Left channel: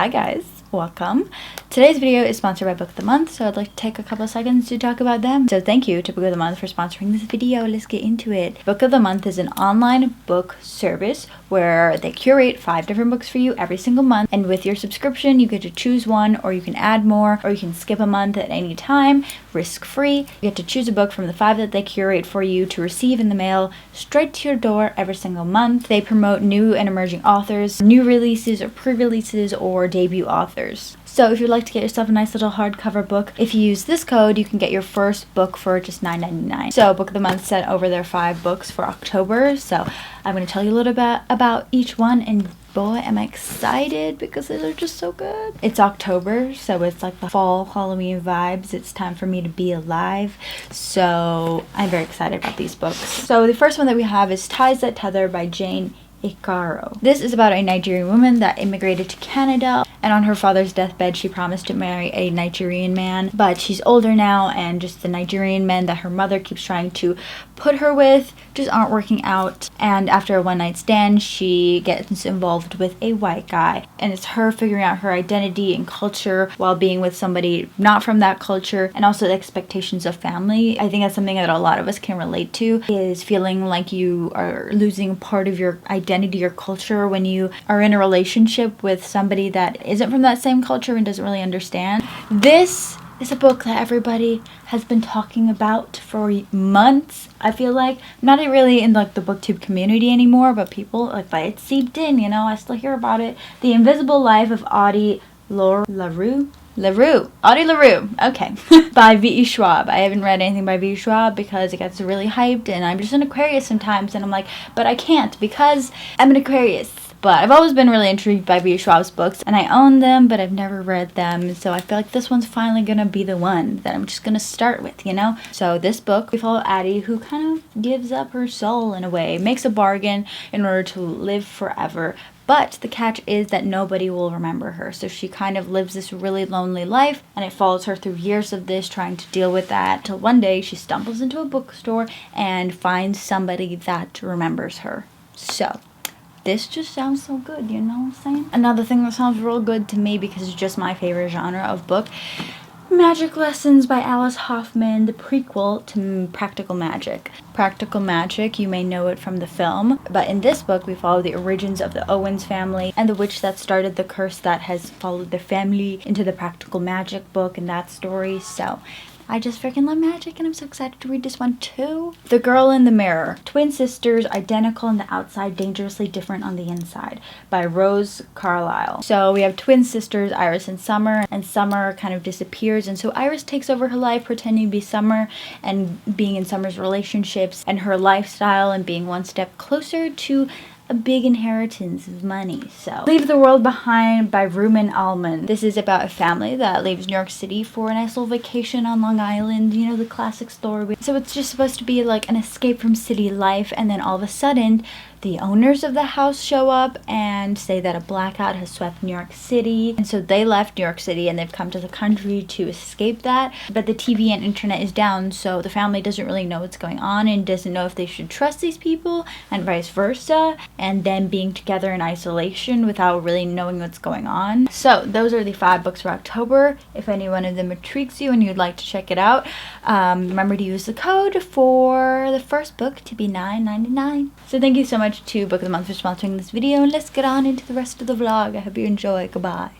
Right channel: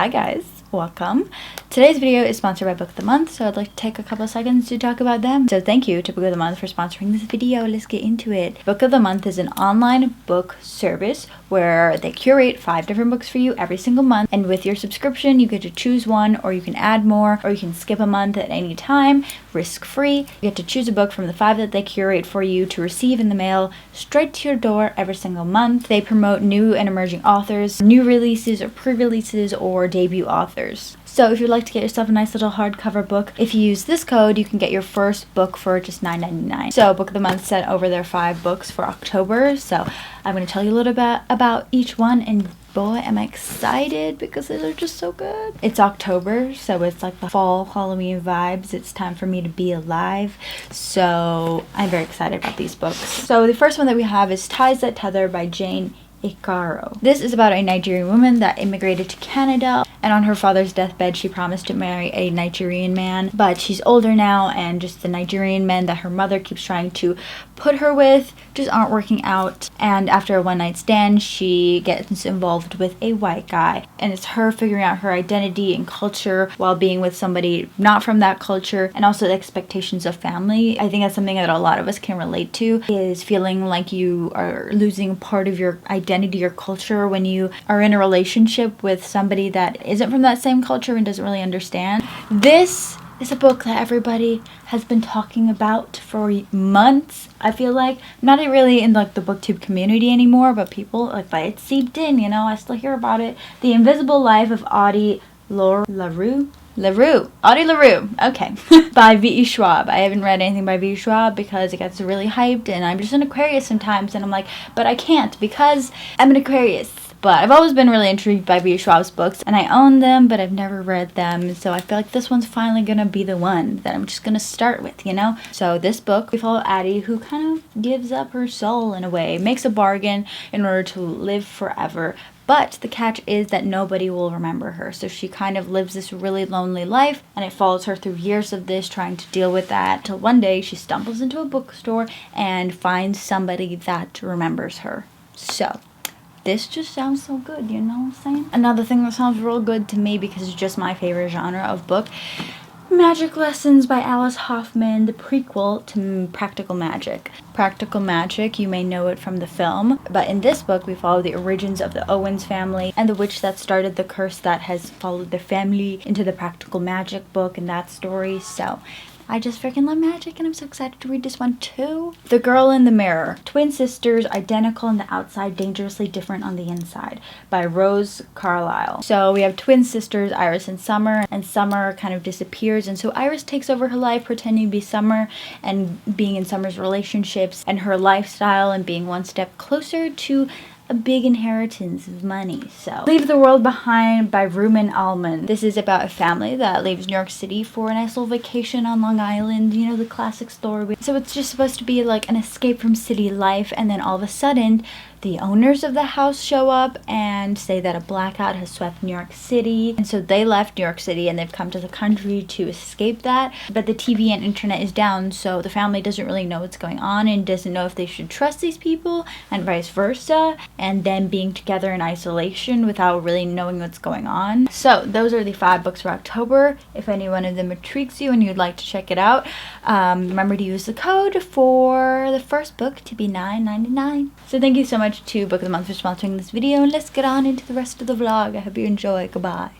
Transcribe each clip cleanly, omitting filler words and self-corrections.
Hi guys, welcome. Today's video is sponsored by Book of the Month, so I'd like to take a couple of seconds to talk about them. So thank you to Book of the Month for sponsoring this video. Let's get into it. Book of the Month is an online book service where they curate 5 different books for you every single month, and with your subscription you get to choose one, or you can add more, or you can skip a month at any time, risk-free. You get to choose a book from the 5 that they curate for you to receive in the mail straight to your door every single month. They promote new and emerging authors, new releases or pre-releases, or debut authors. So if you'd like to get yourself a nice little hardcover book, if you use this code, you can get your first book for just $9.99. So Book of the Month sent over their 5 books for October, so I'm going to tell you a little bit about each one, and boy, am I excited because they're just so good. It's October, so it's like the fall Halloween vibes. It's time for me to be alive, so I'm very excited about these books. So the first one that we have is Ties That Tether by Jane Icaro. This is about a Nigerian woman that immigrated to Canada, and on her father's deathbed she promised to marry a Nigerian man, but she's older now, and just the Nigerian men that her mother keeps trying to put her with just aren't working out, and after a one-night stand she gets involved with a white guy, and it's her figuring out her identity and culture while being with somebody not from that culture, and also the expectations of family. I think that's something that a lot of us can relate to, is feeling like you are losing part of your identity or culture when you are in a relationship with somebody that isn't from that same culture and doesn't really understand. This is a book that everybody has been talking about for months. I feel like not really in like the booktube community anymore, but people like, but it seeped in, you know. I still hear about it. The Invisible Life of Audie LaRue, okay. By V.E. Schwab. I haven't read anything by V.E. Schwab because it gets really hyped, and I'm just an Aquarius sometimes, and I'm like, but I can't because I'm an Aquarius. But I've always been really intrigued by V.E. Schwab's books, and I own them, but I've never read them, so I feel like this one's finally gonna be the one that I'm just gonna start with, you know? So this book, we follow Addie, who kind of gives up her soul in a way, makes a bargain in order to live forever. But the catch is that nobody will remember her, so she kind of lives this really lonely life, and it follows her through years of this, trying to deal with that, till one day she stumbles into a bookstore and finds somebody that remembers her. So this just sounds so good, you know what I'm saying? Another thing that sounds real good to me, because it's just my favorite genre of book, Magic Lessons by Alice Hoffman, the prequel to Practical Magic. Practical Magic, you may know it from the film, but in this book we follow the origins of the Owens family and the witch that started the curse that has followed their family into the Practical Magic book and that story. So I just freaking love magic, and I'm so excited to read this one too. The Girl in the Mirror. Twin sisters, identical on the outside, dangerously different on the inside, by Rose Carlyle. So we have twin sisters, Iris and Summer kind of disappears, and so Iris takes over her life pretending to be Summer and being in Summer's relationships and her lifestyle and being one step closer to a big inheritance of money. So Leave the World Behind by Rumen Almond. This is about a family that leaves New York City for a nice little vacation on Long Island, you know, the classic story. So it's just supposed to be like an escape from city life, and then all of a sudden the owners of the house show up and say that a blackout has swept New York City, and so they left New York City and they've come to the country to escape that, but the TV and internet is down, so the family doesn't really know what's going on and doesn't know if they should trust these people and vice versa, and then being together in isolation without really knowing what's going on. So those are the 5 books for October. If any one of them intrigues you and you'd like to check it out, remember to use the code for the first book to be $9.99. So thank you so much to Book of the Month for sponsoring this video, and let's get on into the rest of the vlog. I hope you enjoy. Goodbye.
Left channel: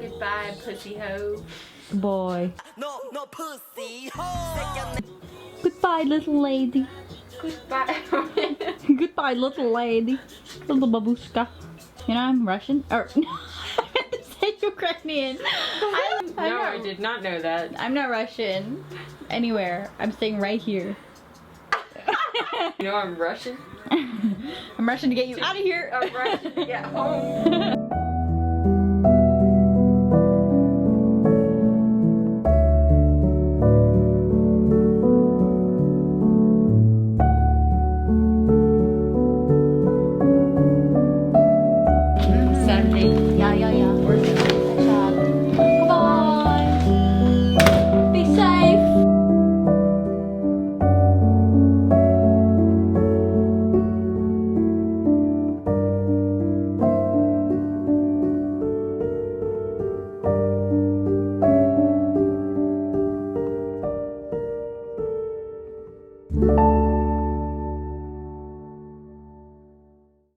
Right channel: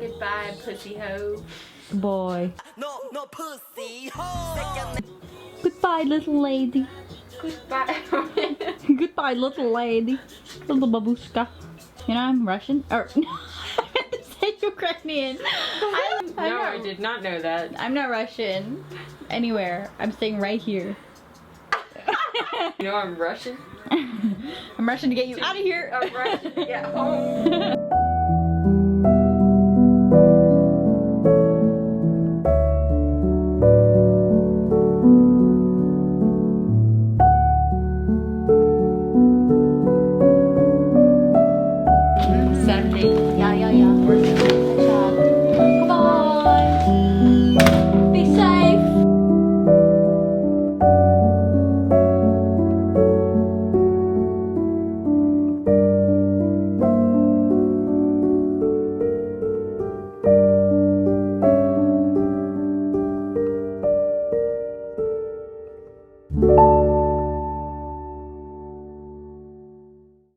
Goodbye, pussy hoe. Boy. No, no pussy. Ho. Goodbye, little lady. Goodbye. Goodbye, little lady. Little babushka. You know I'm Russian. Or I meant to say Ukrainian. I did not know that. I'm not Russian. Anywhere. I'm staying right here. You know I'm Russian? I'm Russian to get you out of here. I'm Russian to get home.